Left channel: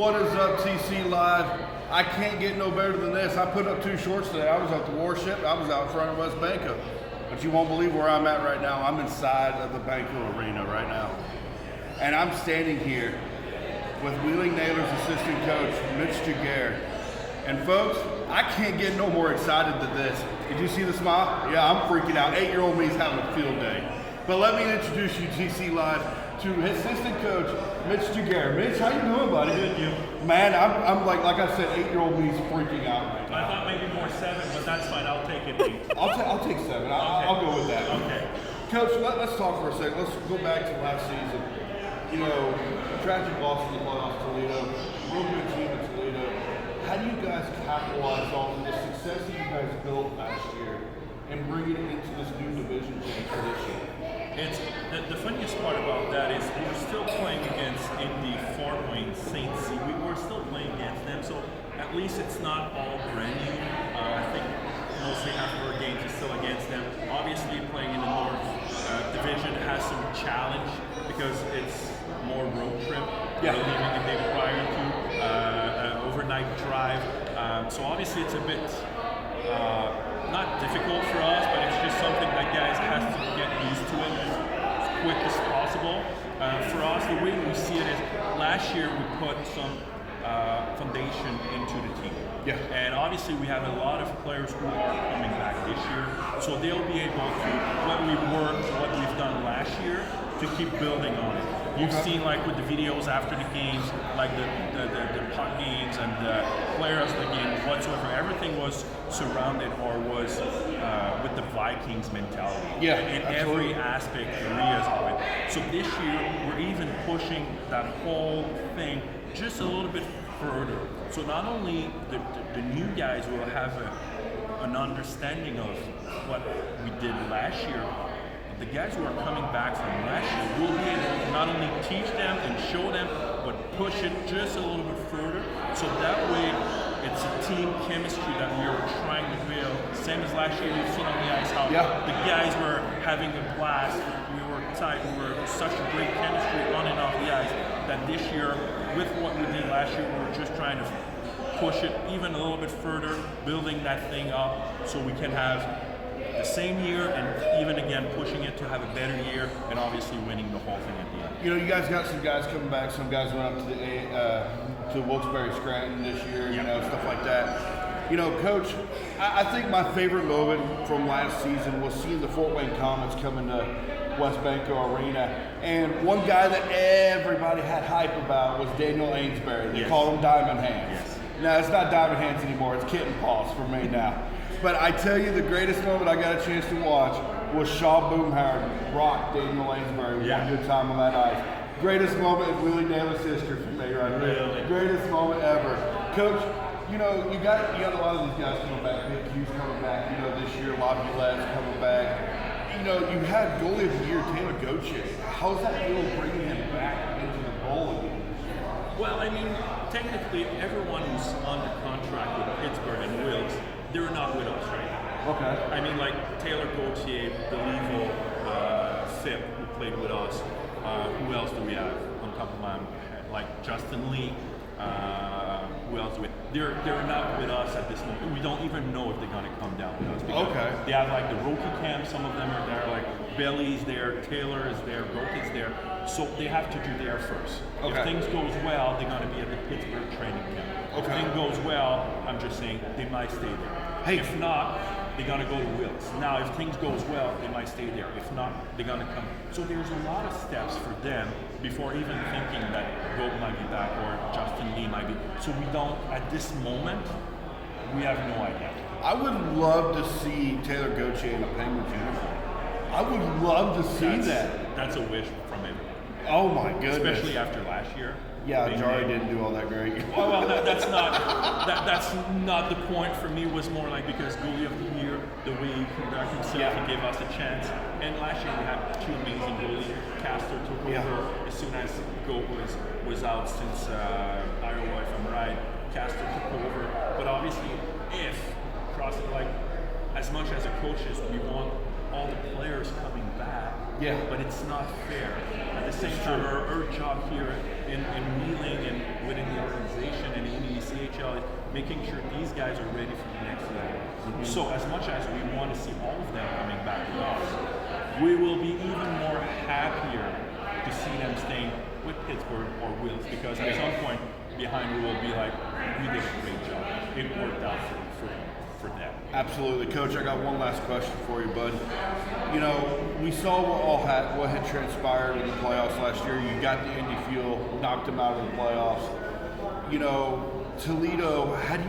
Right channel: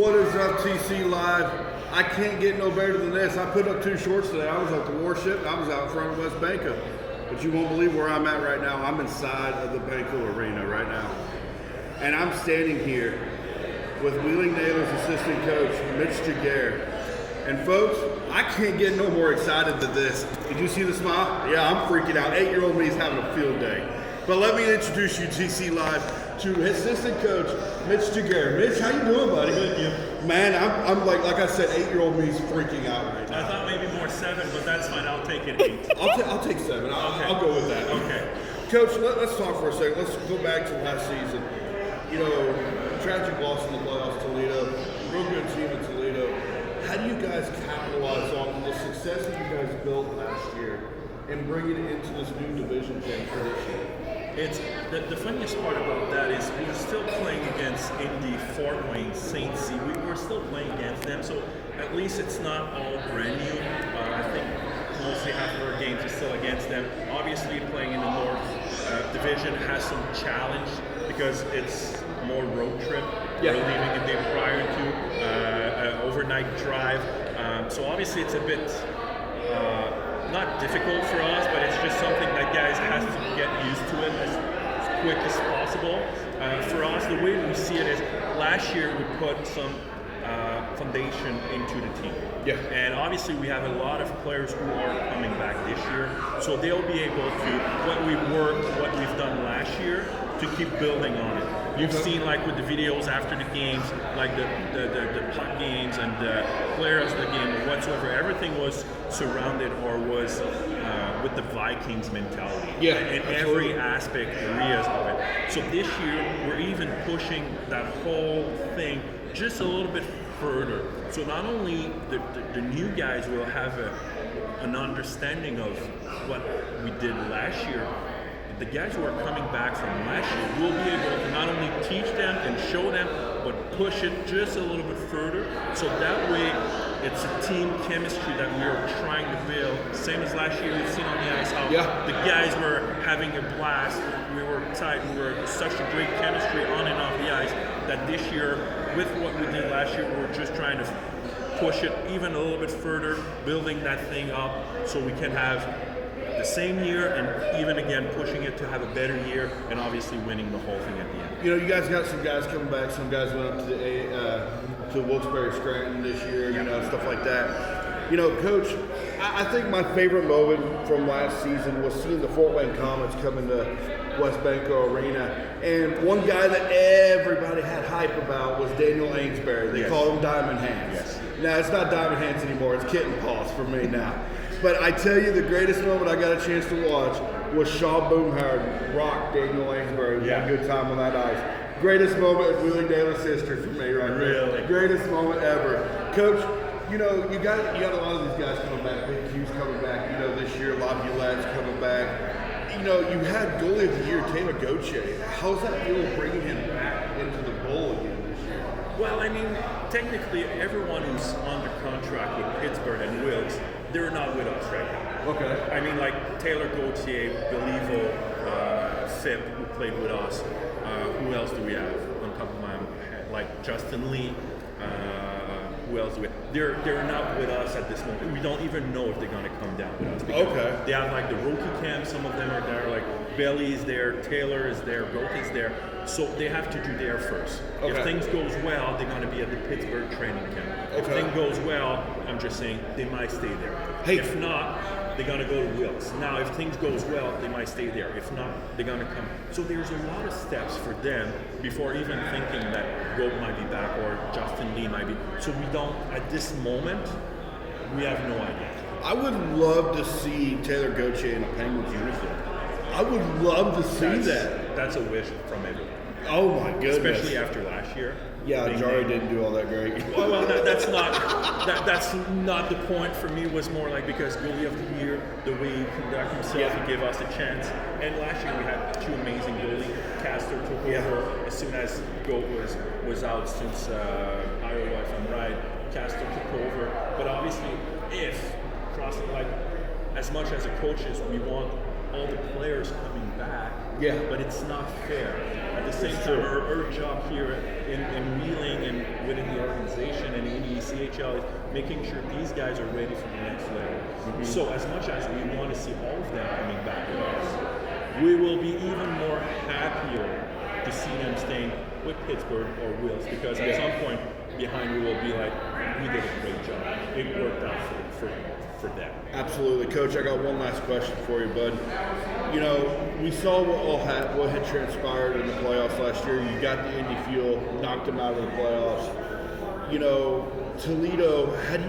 What is up, TC Live? I can't get no better than this. I put up 2 shorts today. I was at the Warship. I was out in front of West Banco. But you won't believe where I'm at right now. I'm inside of the Banco Arena right now. And I'm standing here with Wheeling Naylor's assistant coach, Mitch Giguere. And folks, I can't get no more excited than this. Did you see the smile? Yeah, I'm freaking out. 8-year-old me is having a field day. But let me introduce you, TC Live, to his assistant coach, Mitch Giguere. Mitch, how you doing, buddy? Good, you. Man, I'm like I said, 8-year-old me's freaking out right now. I thought maybe more 7, but that's fine. I'll take it 8. I'll take 7. I'll go with that. Okay. Coach, let's talk for a second. Let's go back to last season. You know, tragic loss in the playoffs, Toledo. Real good team in Toledo. How do you guys capitalize on the success that you guys built last year and bring it into this new division change for this year? It's the funniest part about that is we're still playing against Indy, Fort Wayne, St. C. We're still playing against them, so at least it's not all brand new. I think mostly half of our games is still against them. Obviously, playing in the North Division has some challenge because it's more road trip. Yeah. We're leaving a day prior to an overnight drive. So obviously, it's a bit. Not difficult for us, but it's just something that guys has to get used to it as quick as possible. For us, the way we see it is last year we put some foundation into the team. Yeah. And obviously we have a lot of players who are coming back this year, so they'll be able to, what we've done last year, to keep building on it. You've seen, like, with the videos after the games, like the puck games and the players of the game whatsoever, everything was surrounded or was with the Vikings mentality. Yeah, in absolutely. every aspect, areas of it. So this year, we're even pushing that whole thing just a little bit further. So not only the new guys will have an understanding of what we did last year, the guys who are coming back from last year will be able to not only teach them and show them, but push it just a little bit further. So that way, it's a team chemistry that we are trying to build. Same as last year, you've seen on the ice how the guys were having a blast. We were tight. We were such a great chemistry on and off the ice that this year, with what we did last year, we're just trying to push it even a little bit further, building that thing up so we can have the same year and even again pushing it to have a better year and obviously winning the whole thing at the end. You know, you guys got some guys coming back. Some guys went up to Wilkes-Barre Scranton this year, you know, stuff like that. You know, Coach, I think my favorite moment from last season was seeing the Fort Wayne Comets come into West Banco Arena. And one guy that everybody had hype about was Daniel Ainsbury. They call him Diamond Hands. Yes. Now, it's not Diamond Hands anymore. It's Kitten Paws for me now. But I tell you, the greatest moment I got a chance to watch was Shaw Boomhauer rock Daniel Ainsbury one good time on that ice. Greatest moment in Wheeling Naylor's history for me right there. Really? Greatest moment ever. Coach, you know, you got a lot of these guys coming back. Big Q's coming back, you know, this year. Laviolette coming back. You know, you had goalie of the year, Taylor Gauthier. How's that feel bringing him back into the bowl again this year? Well, I mean, technically, everyone who's under contract with Pittsburgh and Wilkes, they're not with us right now. Okay. I mean, like Taylor Gauthier, Beliveau, Phip, who played with us. Who else do we have on top of my head? Like Justin Lee. Who else with? They're not with us at this moment. We don't even know if they're going to come down with us. Okay. They have like the rookie camp. Some of them are there. Like Bailey's there, Taylor is there, Goat is there. So they have to do their first. Okay. If things goes well, they're going to be at the Pittsburgh training camp. If things goes well, I'm just saying they might stay there. Hey. If not, they're going to go to Wilkes. Now, if things goes well, they might stay there. If not, they're going to come. So there's a lot of steps for them before even thinking that Goat might be back or Justin Lee might be. So we don't, at this moment, we have no idea. I would love to see Taylor Gauthier in a Penguins uniform. I would love to see that. That's a wish from everyone. Oh my goodness. Especially after last year. Yeah, Jari didn't do all that great. Well, that's not the point for me. Was more like because goalie of the year, the way he conducted himself, he gave us a chance. And last year we had 2 amazing goalies. Castor took over as soon as Goat was out since Iowa, if I'm right. Castor took over. But obviously, if crossing like as much as a coaches, we want all the players coming back. Yeah. but it's not fair. At the same time, our job here in Wheeling and within the organization and in the CHL is making sure these guys are ready for the next level. So as much as we want to see all of them coming back with us, we will be even more happier to see them staying with Pittsburgh or Wills, because at some point behind we will be like, we did a great job. It worked out for them. Absolutely, Coach. I got one last question for you, bud. You know, we saw what had transpired in the playoffs last year. You got the Indy Fuel, knocked them out of the playoffs. You know, Toledo. How do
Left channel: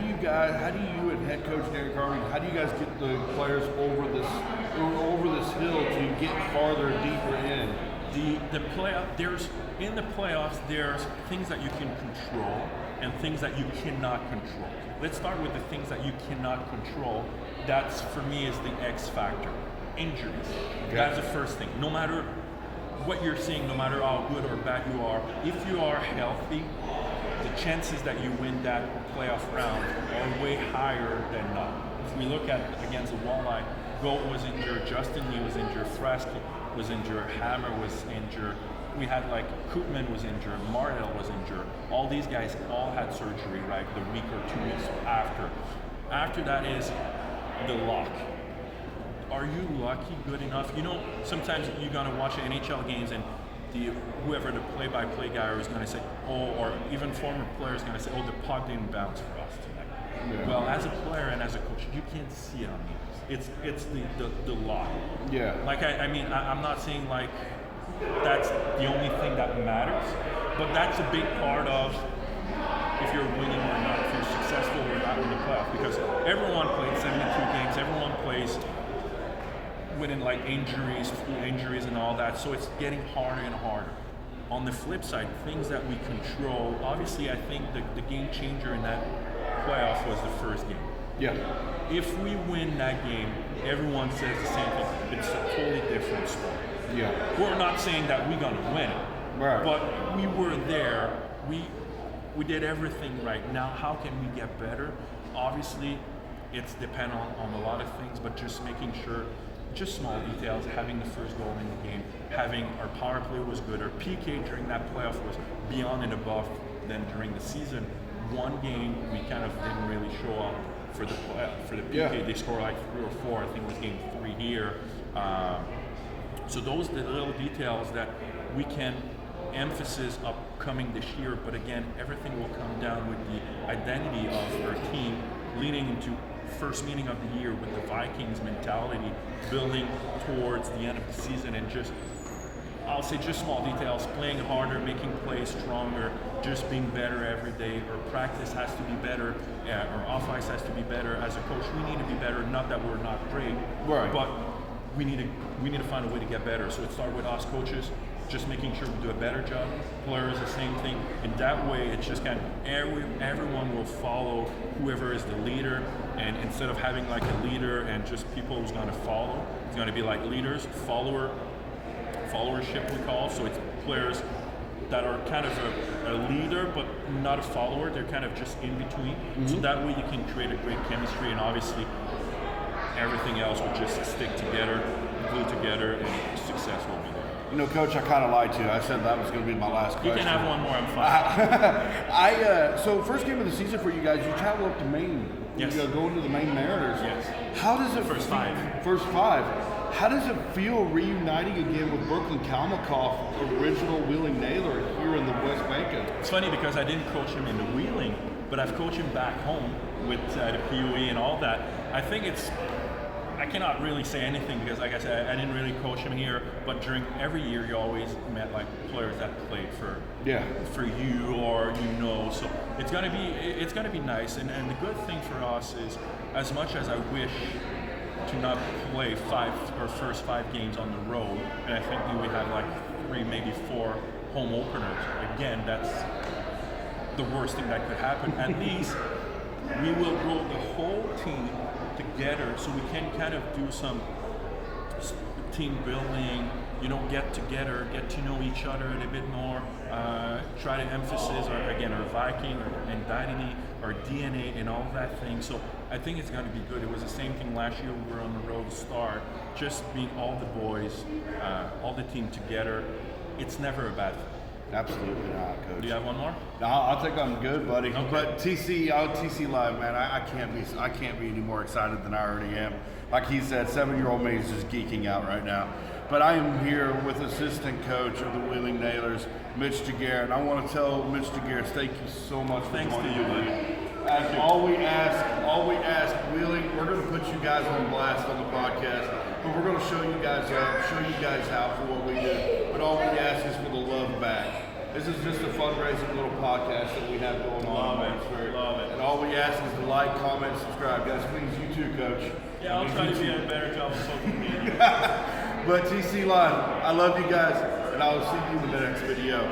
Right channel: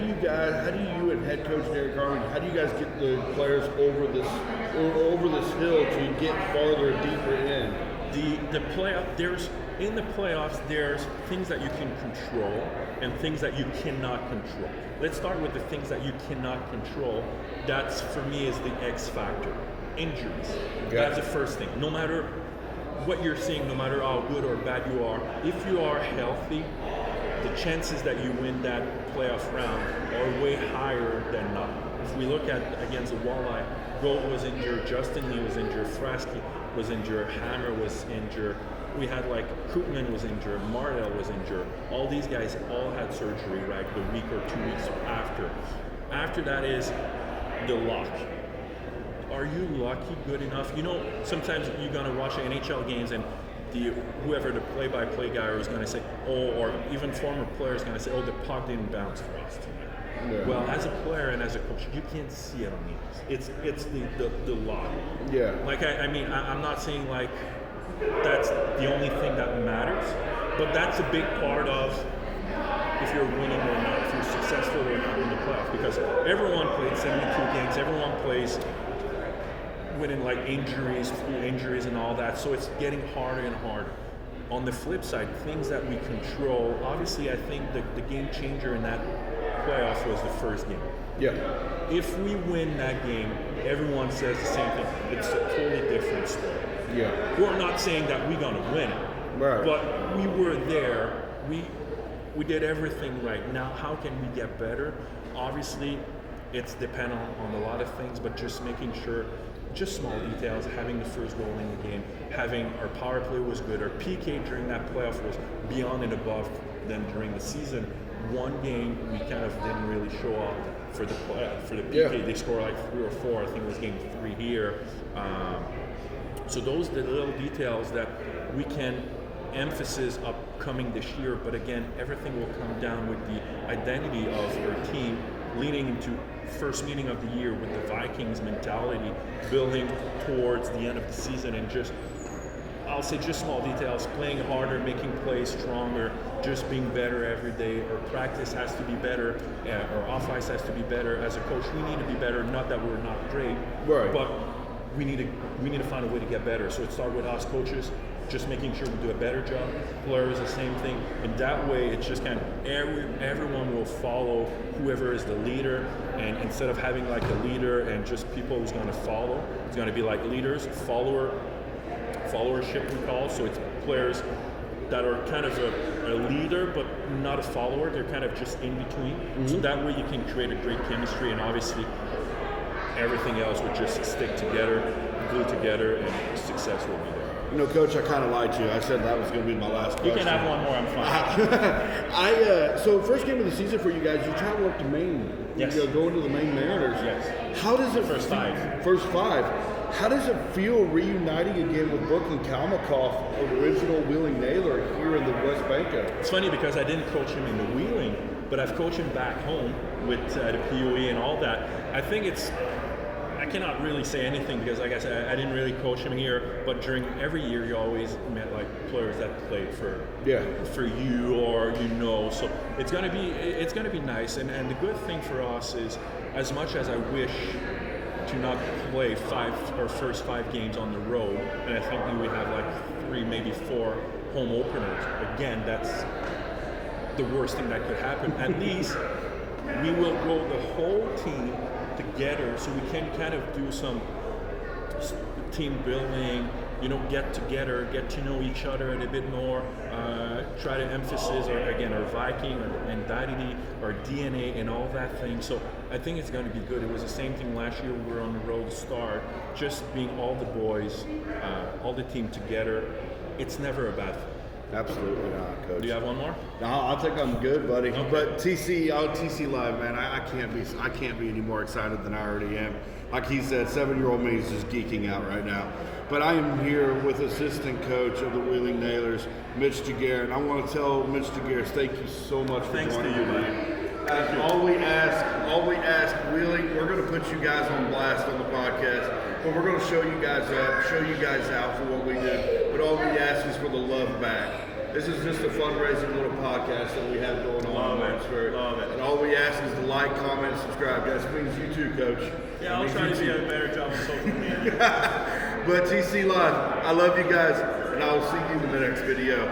you and head coach Derek Harvey, how do you guys get the players over this hill to get farther, deeper in? The playoff, in the playoffs, there's things that you can control and things that you cannot control. Let's start with the things that you cannot control. That's, for me, is the X factor. Injuries. Okay. That's the first thing. No matter what you're seeing, no matter how good or bad you are, if you are healthy, the chances that you win that playoff round are way higher than not. If we look at against the Walleye, Gold was injured, Justin Lee was injured, Frasky was injured, Hammer was injured. We had like Koopman was injured, Mardell was injured. All these guys all had surgery, right, the week or 2 weeks after. After that is the luck. Are you lucky good enough? You know, sometimes you're gonna watch NHL games and whoever the play-by-play guy is gonna say, oh, or even former players gonna say, oh, the puck didn't bounce for us tonight. Yeah. Well, as a player and as a coach, you can't see it on me. It's the luck. Yeah. Like I'm not saying like that's the only thing that matters, but that's a big part of if you're winning or not, if you're successful or not in the playoffs. Because everyone plays 72 games, everyone plays winning like injuries and all that, so it's getting harder and harder. On the flip side, things that we control, obviously I think the game changer in that playoff was the first game. Yeah. If we win that game, everyone says the same thing. It's a totally different story. Yeah. We're not saying that we're gonna win it, right, but we were there. We did everything right. Now, how can we get better? Obviously, it's dependent on a lot of things, but just making sure, just small details, having the first goal in the game, having our power play was good, our PK during that playoff was beyond and above than during the season. One game we kind of didn't really show up for the PK. Yeah. They scored like 3 or 4. I think it was game 3 here. So those are the little details that we can emphasis upcoming this year. But again, everything will come down with the identity of our team leading into first meeting of the year with the Vikings mentality, building towards the end of the season, and just, I'll say just small details, playing harder, making plays stronger, just being better every day. Our practice has to be better, our off-ice has to be better. As a coach, we need to be better, not that we're not great, right, but we need to find a way to get better. So it starts with us coaches, just making sure we do a better job. Players, the same thing. And that way, it's just kind of everyone will follow whoever is the leader. And instead of having like a leader and just people who's going to follow, it's going to be like leaders, followership we call. So it's players that are kind of a leader but not a follower. They're kind of just in between. Mm-hmm. So that way you can create a great chemistry, and obviously everything else would just stick together, glue together, and success will be there. You know, Coach, I kind of lied to you. I said that was going to be my last question. You can have one more, I'm fine. So first game of the season for you guys, you travel up to Maine. Yes. You go into the Maine Mariners. Yes. How does it First five. How does it feel reuniting again with Brooklyn Kalmakoff, original Wheeling Naylor, here in the West Bank? It's funny because I didn't coach him in the Wheeling, but I've coached him back home with the POE and all that. I think I cannot really say anything because, like I said, I didn't really coach him here. But during every year, you always met like players that played for you, or so it's gonna be nice. And the good thing for us is, as much as I wish to not play first 5 games on the road, and I think we have like 3, maybe 4 home openers. Again, that's the worst thing that could happen. At least we will grow the whole team together, so we can kind of do some team building, get together, get to know each other a little bit more, try to emphasize our Viking, our identity, our DNA, and all that thing. So I think it's going to be good. It was the same thing last year. We were on the road to start, just being all the boys, all the team together. It's never a bad thing. Absolutely not, Coach. Do you have one more? No, I think I'm good, buddy. Okay. But TC Live, man, I can't be any more excited than I already am. Like he said, 7-year-old me is just geeking out right now. But I am here with assistant coach of the Wheeling Nailers, Mitch Giguere, and I want to tell Mitch Giguere, thank you so much for Thanks to joining you, me. buddy. All we ask, Wheeling, we're going to put you guys on blast on the podcast, but we're going to show you guys up, show you guys out for what we do. But all we ask is for the love back. This is just a fundraising little podcast that we have going on. Love it. And all we ask is to like, comment, subscribe. Guys, please, you too, Coach. Yeah, I'll try to do a better job on social media. But TC Live, I love you guys, and I will see you in the next video.